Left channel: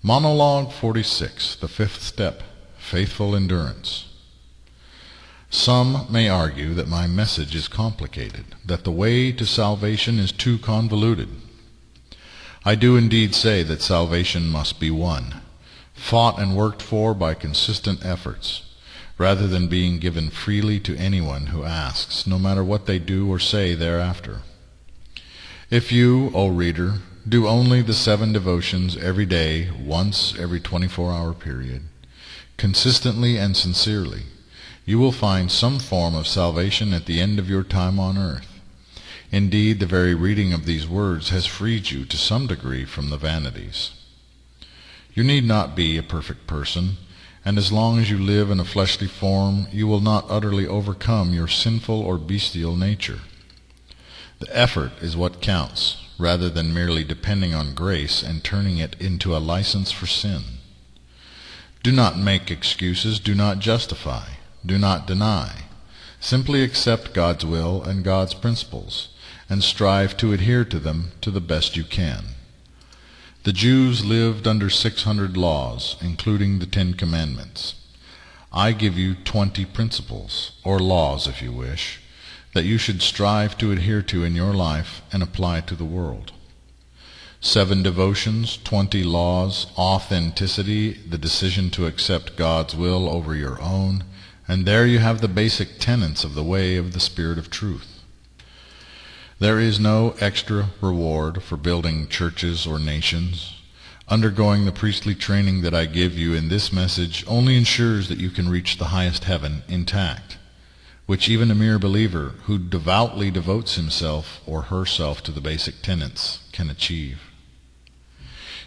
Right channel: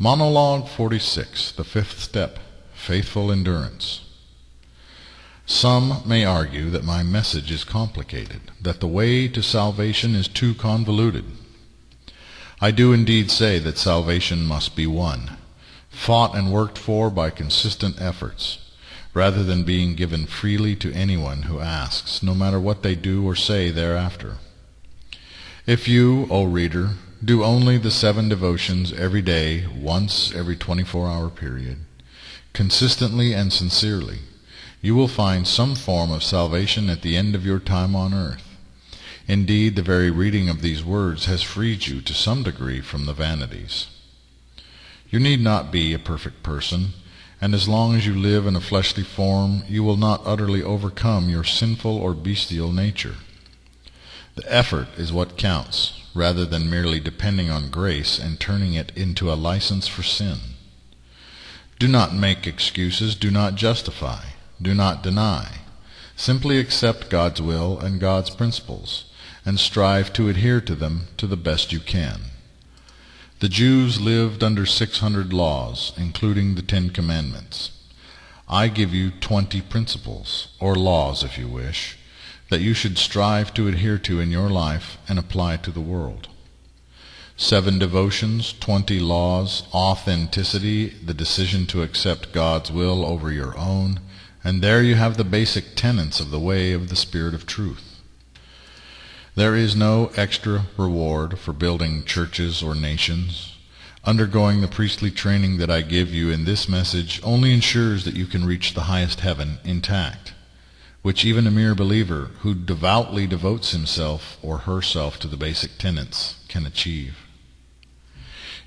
Monologue 46, the fifth step, faithful endurance. Some may argue that my message is complicated, that the way to salvation is too convoluted. I do indeed say that salvation must be won, fought and worked for by consistent efforts, rather than being given freely to anyone who asks, no matter what they do or say thereafter. If you, O reader, do only the 7 devotions every day, once every 24-hour period, consistently and sincerely, you will find some form of salvation at the end of your time on earth. Indeed, the very reading of these words has freed you to some degree from the vanities. You need not be a perfect person, and as long as you live in a fleshly form, you will not utterly overcome your sinful or bestial nature. The effort is what counts, rather than merely depending on grace and turning it into a license for sin. Do not make excuses, do not justify, do not deny. Simply accept God's will and God's principles, and strive to adhere to them to the best you can. The Jews lived under 600 laws, including the 10 Commandments. I give you 20 principles, or laws if you wish, that you should strive to adhere to in your life and apply to the world. 7 devotions, 20 laws, authenticity, the decision to accept God's will over your own, and there you have the basic tenets of the way of the Spirit of truth. There is no extra reward for building churches or nations. Undergoing the priestly training that I give you in this message only ensures that you can reach the highest heaven intact, which even a mere believer who devoutly devotes himself or herself to the basic tenets can achieve.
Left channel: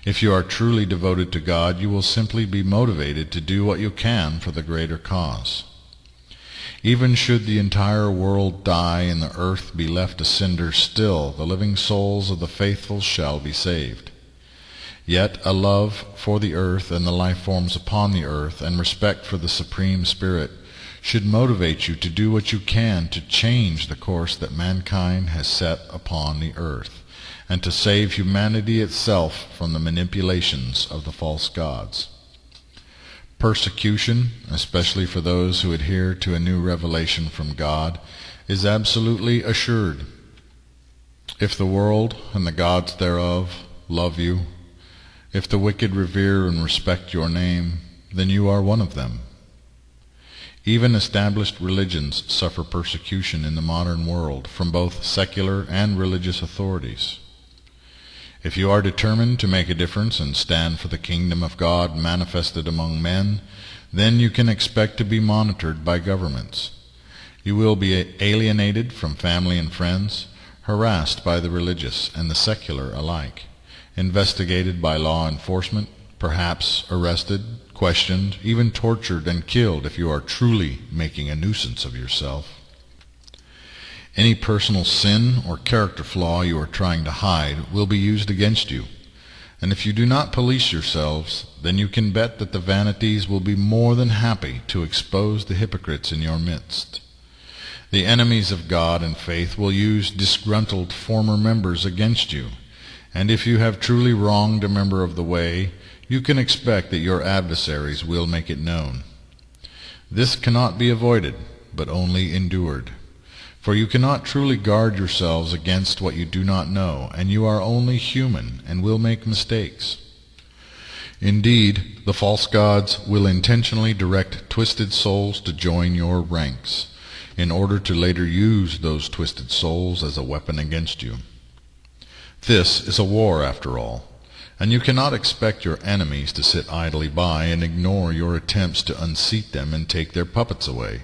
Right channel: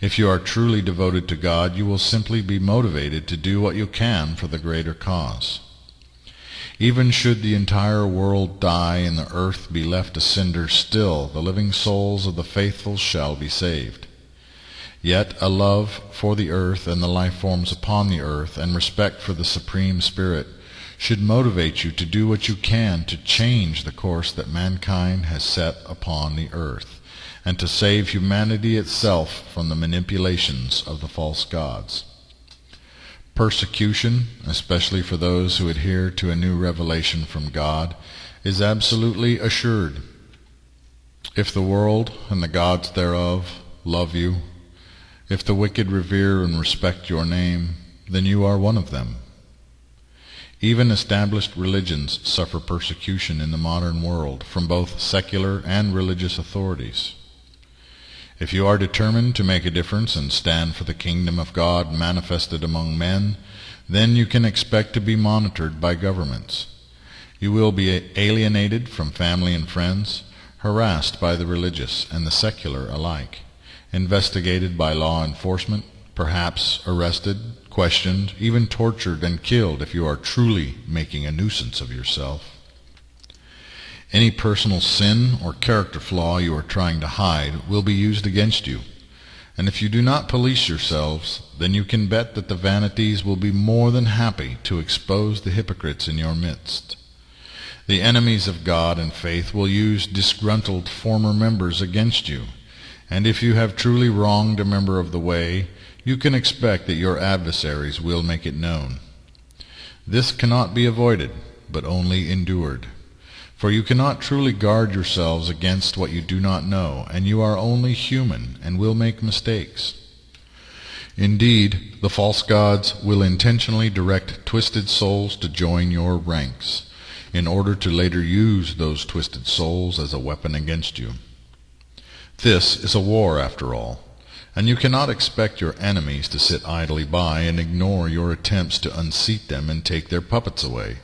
If you are truly devoted to God, you will simply be motivated to do what you can for the greater cause. Even should the entire world die and the earth be left a cinder, still the living souls of the faithful shall be saved. Yet a love for the earth and the life forms upon the earth and respect for the Supreme Spirit should motivate you to do what you can to change the course that mankind has set upon the earth, and to save humanity itself from the manipulations of the false gods. Persecution, especially for those who adhere to a new revelation from God, is absolutely assured. If the world and the gods thereof love you, if the wicked revere and respect your name, then you are one of them. Even established religions suffer persecution in the modern world from both secular and religious authorities. If you are determined to make a difference and stand for the kingdom of God manifested among men, then you can expect to be monitored by governments. You will be alienated from family and friends, harassed by the religious and the secular alike, investigated by law enforcement, perhaps arrested, questioned, even tortured and killed if you are truly making a nuisance of yourself. Any personal sin or character flaw you are trying to hide will be used against you, and if you do not police yourselves, then you can bet that the vanities will be more than happy to expose the hypocrites in your midst. The enemies of God and faith will use disgruntled former members against you, and if you have truly wronged a member of the way, you can expect that your adversaries will make it known. This cannot be avoided, but only endured. For you cannot truly guard yourselves against what you do not know, and you are only human and will make mistakes. Indeed, the false gods will intentionally direct twisted souls to join your ranks, in order to later use those twisted souls as a weapon against you. This is a war, after all, and you cannot expect your enemies to sit idly by and ignore your attempts to unseat them and take their puppets away.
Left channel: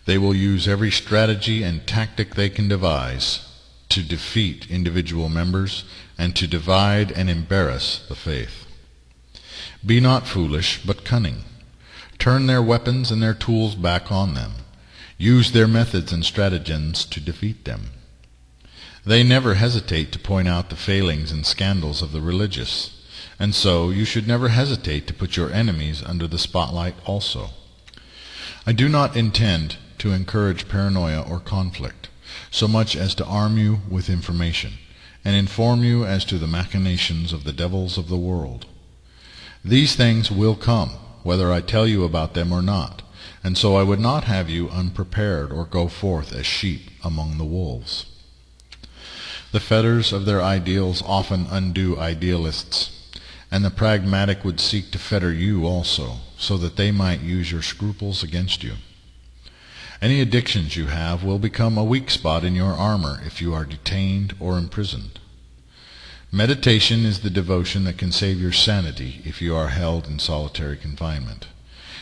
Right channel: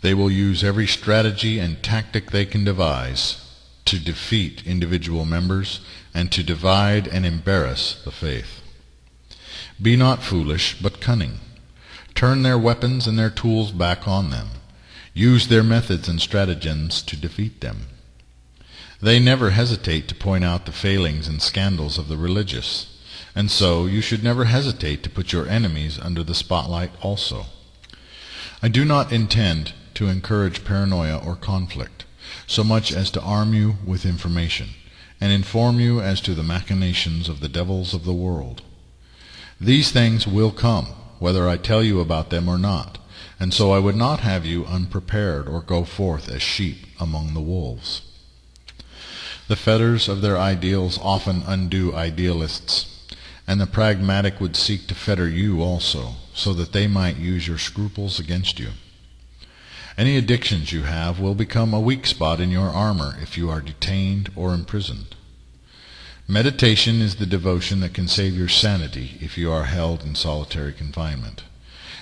They will use every strategy and tactic they can devise to defeat individual members and to divide and embarrass the faith. Be not foolish, but cunning. Turn their weapons and their tools back on them. Use their methods and stratagems to defeat them. They never hesitate to point out the failings and scandals of the religious, and so you should never hesitate to put your enemies under the spotlight also. I do not intend to encourage paranoia or conflict, so much as to arm you with information, and inform you as to the machinations of the devils of the world. These things will come, whether I tell you about them or not, and so I would not have you unprepared or go forth as sheep among the wolves. The fetters of their ideals often undo idealists, and the pragmatic would seek to fetter you also, so that they might use your scruples against you. Any addictions you have will become a weak spot in your armor if you are detained or imprisoned. Meditation is the devotion that can save your sanity if you are held in solitary confinement.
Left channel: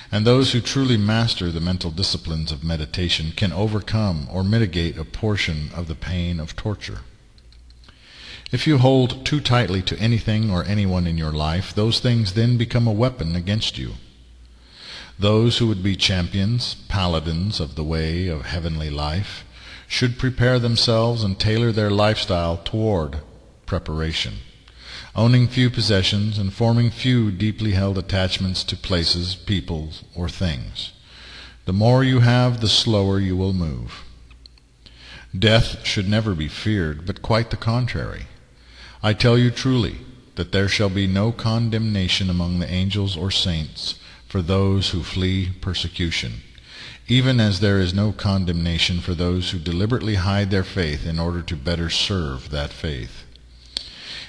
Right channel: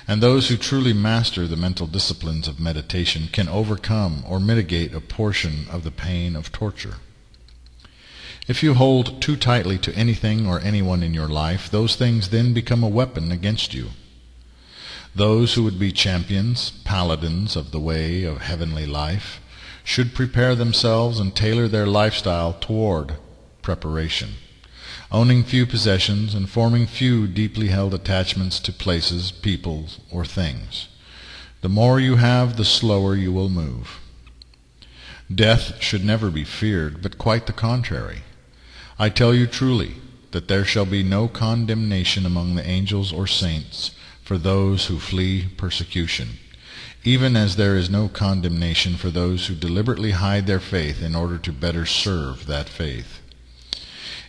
And those who truly master the mental disciplines of meditation can overcome or mitigate a portion of the pain of torture. If you hold too tightly to anything or anyone in your life, those things then become a weapon against you. Those who would be champions, paladins of the way of heavenly life, should prepare themselves and tailor their lifestyle toward preparation, owning few possessions and forming few deeply held attachments to places, peoples, or things. The more you have, the slower you will move. Death should never be feared, but quite the contrary. I tell you truly that there shall be no condemnation among the angels or saints for those who flee persecution, even as there is no condemnation for those who deliberately hide their faith in order to better serve that faith.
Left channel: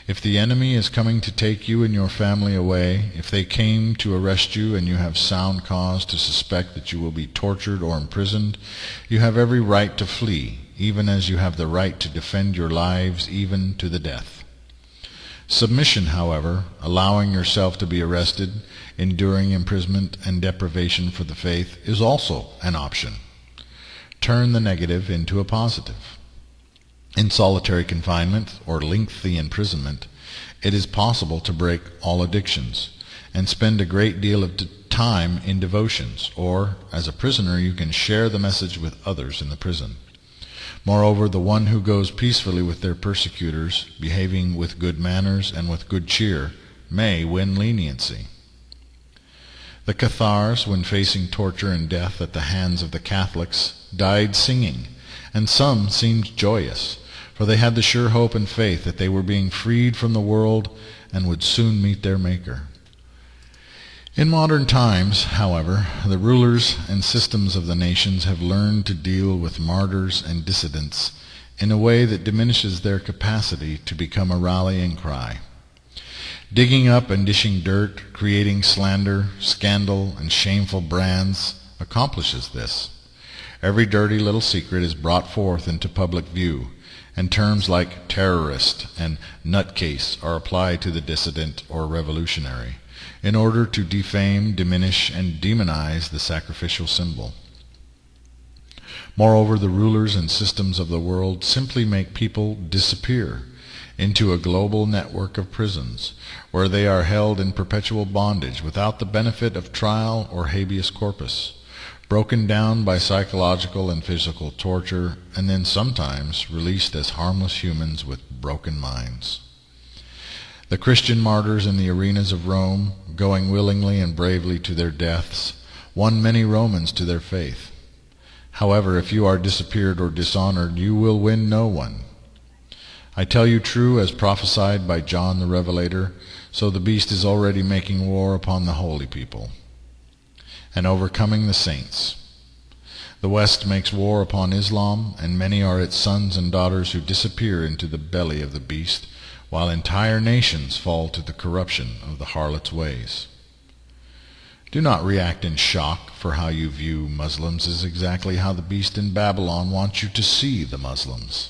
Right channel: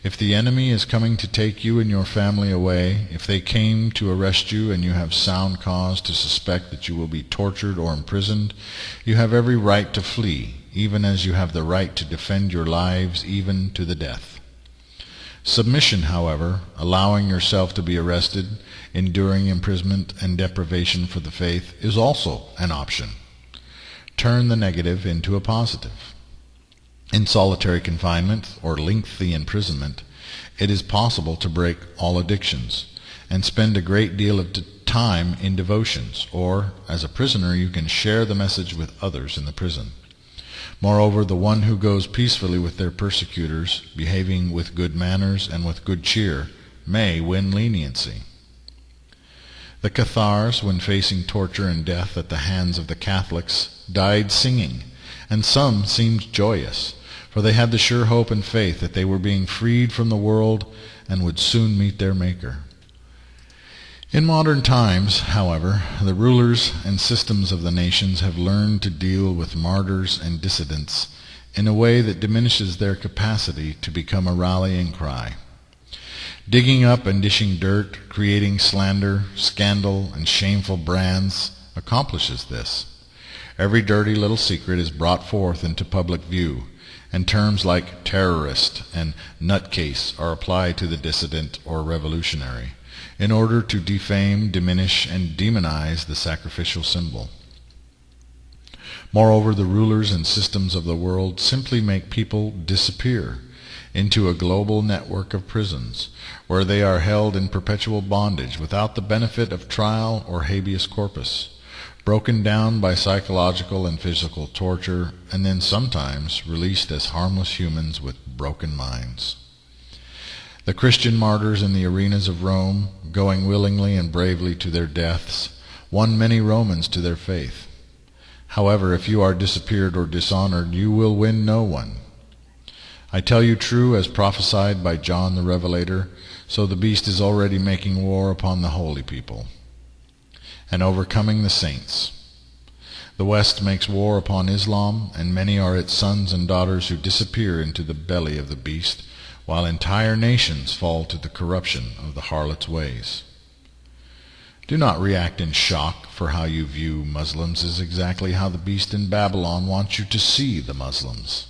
If the enemy is coming to take you and your family away, if they came to arrest you and you have sound cause to suspect that you will be tortured or imprisoned, you have every right to flee, even as you have the right to defend your lives even to the death. Submission, however, allowing yourself to be arrested, enduring imprisonment and deprivation for the faith, is also an option. Turn the negative into a positive. In solitary confinement or lengthy imprisonment, it is possible to break all addictions and spend a great deal of time in devotions, or, as a prisoner, you can share the message with others in the prison. Moreover, the one who goes peacefully with their persecutors, behaving with good manners and with good cheer, may win leniency. The Cathars, when facing torture and death at the hands of the Catholics, died singing, and some seemed joyous, for they had the sure hope and faith that they were being freed from the world and would soon meet their Maker. In modern times, however, the rulers and systems of the nations have learned to deal with martyrs and dissidents in a way that diminishes their capacity to become a rallying cry. Digging up and dishing dirt, creating slander, scandal, and shameful brands accomplishes this. Every dirty little secret is brought forth into public view, and terms like terrorist and nutcase are applied to the dissident or revolutionary, in order to defame, diminish, and demonize the sacrificial symbol. Moreover, the rulers and systems of the world simply make people disappear into a global network of prisons, where they are held in perpetual bondage without the benefit of trial or habeas corpus, broken down by psychological and physical torture, and then sometimes released as harmless humans with broken minds. The Christian martyrs in the arenas of Rome, going willingly and bravely to their deaths, won many Romans to their faith. However, if you are disappeared or dishonored, you will win no one. I tell you true, as prophesied by John the Revelator, so the beast is already making war upon the holy people and overcoming the saints. The West makes war upon Islam, and many are its sons and daughters who disappear into the belly of the beast, while entire nations fall to the corruption of the harlot's ways. Do not react in shock, for how you view Muslims is exactly how the beast in Babylon wants you to see the Muslims.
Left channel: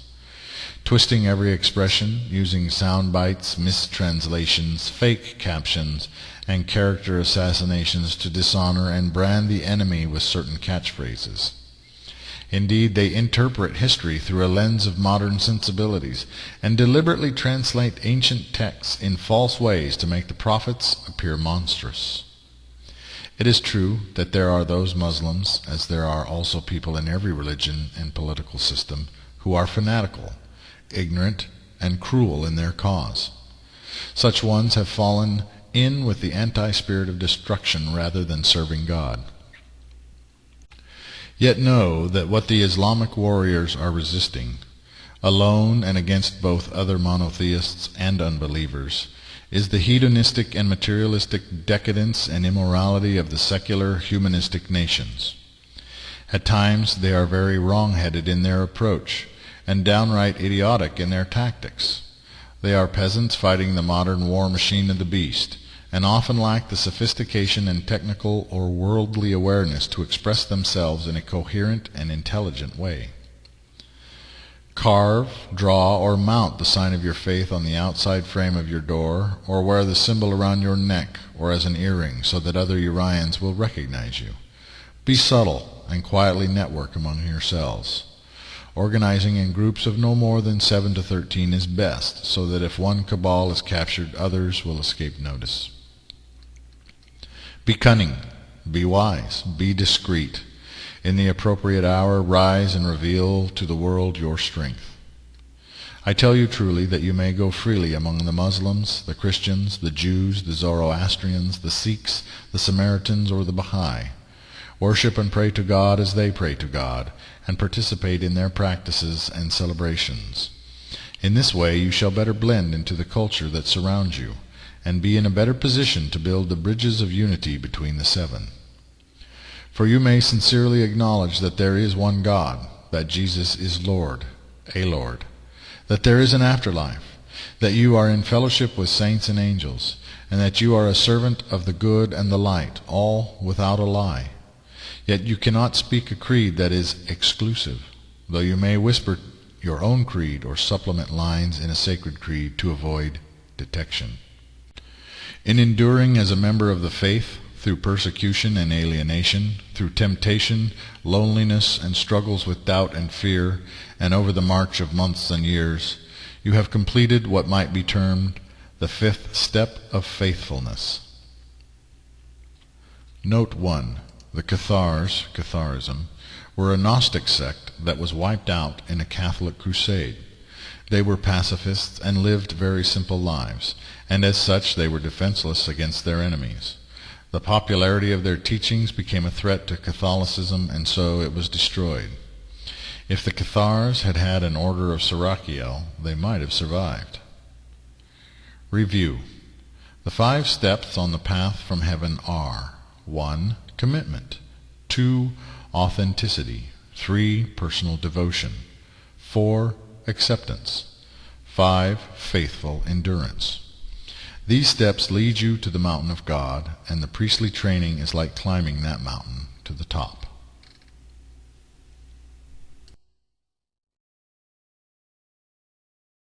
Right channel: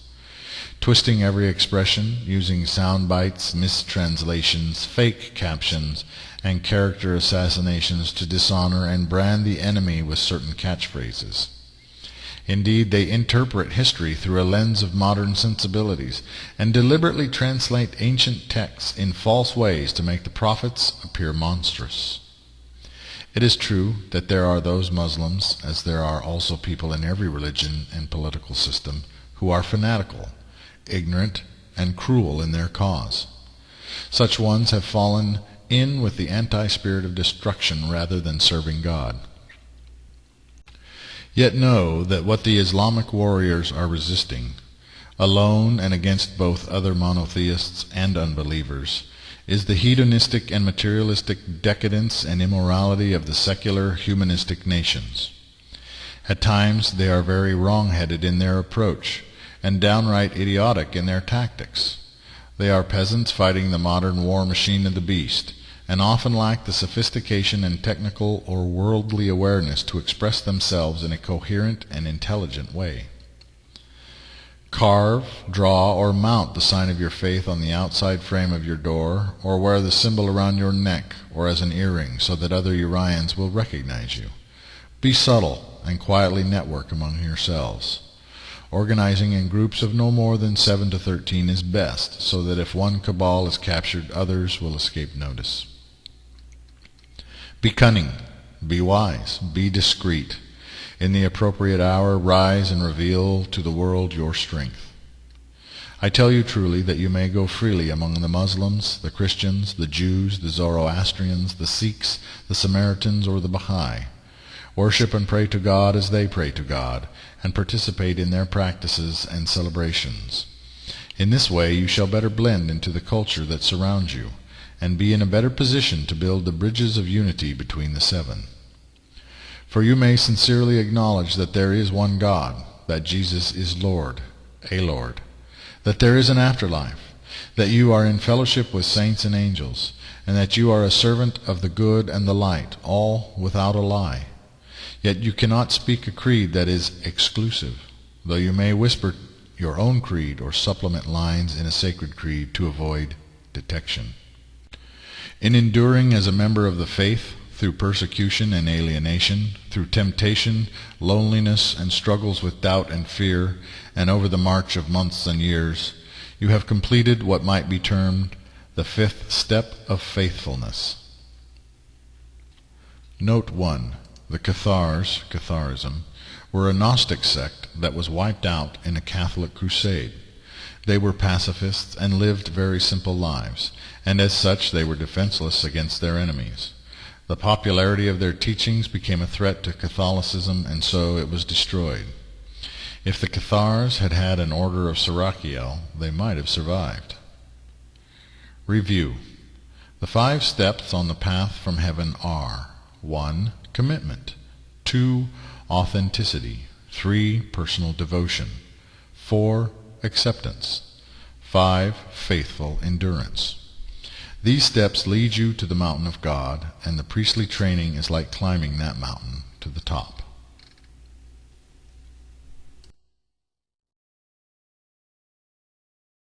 Twisting every expression, using sound bites, mistranslations, fake captions, and character assassinations to dishonor and brand the enemy with certain catchphrases. Indeed, they interpret history through a lens of modern sensibilities and deliberately translate ancient texts in false ways to make the prophets appear monstrous. It is true that there are those Muslims, as there are also people in every religion and political system, who are fanatical, ignorant, and cruel in their cause. Such ones have fallen in with the anti-spirit of destruction rather than serving God. Yet know that what the Islamic warriors are resisting, alone and against both other monotheists and unbelievers, is the hedonistic and materialistic decadence and immorality of the secular humanistic nations. At times they are very wrong-headed in their approach, and downright idiotic in their tactics. They are peasants fighting the modern war machine of the beast, and often lack the sophistication and technical or worldly awareness to express themselves in a coherent and intelligent way. Carve, draw, or mount the sign of your faith on the outside frame of your door, or wear the symbol around your neck or as an earring so that other Urians will recognize you. Be subtle and quietly network among yourselves. Organizing in groups of no more than 7 to 13 is best, so that if one cabal is captured, others will escape notice. Be cunning, be wise, be discreet. In the appropriate hour, rise and reveal to the world your strength. I tell you truly that you may go freely among the Muslims, the Christians, the Jews, the Zoroastrians, the Sikhs, the Samaritans, or the Baha'i. Worship and pray to God as they pray to God, and participate in their practices and celebrations. In this way you shall better blend into the culture that surrounds you, and be in a better position to build the bridges of unity between the seven. For you may sincerely acknowledge that there is one God, that Jesus is Lord, a Lord, that there is an afterlife, that you are in fellowship with saints and angels, and that you are a servant of the good and the light, all without a lie. Yet you cannot speak a creed that is exclusive, though you may whisper your own creed or supplement lines in a sacred creed to avoid detection. In enduring as a member of the faith, through persecution and alienation, through temptation, loneliness, and struggles with doubt and fear, and over the march of months and years, you have completed what might be termed the 5th step of faithfulness. Note 1. The Cathars, Catharism, were a Gnostic sect that was wiped out in a Catholic crusade. They were pacifists and lived very simple lives, and as such they were defenseless against their enemies. The popularity of their teachings became a threat to Catholicism, and so it was destroyed. If the Cathars had had an order of Sirachiel, they might have survived. Review. The 5 steps on the path from heaven are: 1. Commitment. 2. Authenticity. 3. Personal devotion. 4. Acceptance. 5. Faithful endurance. These steps lead you to the mountain of God, and the priestly training is like climbing that mountain to the top.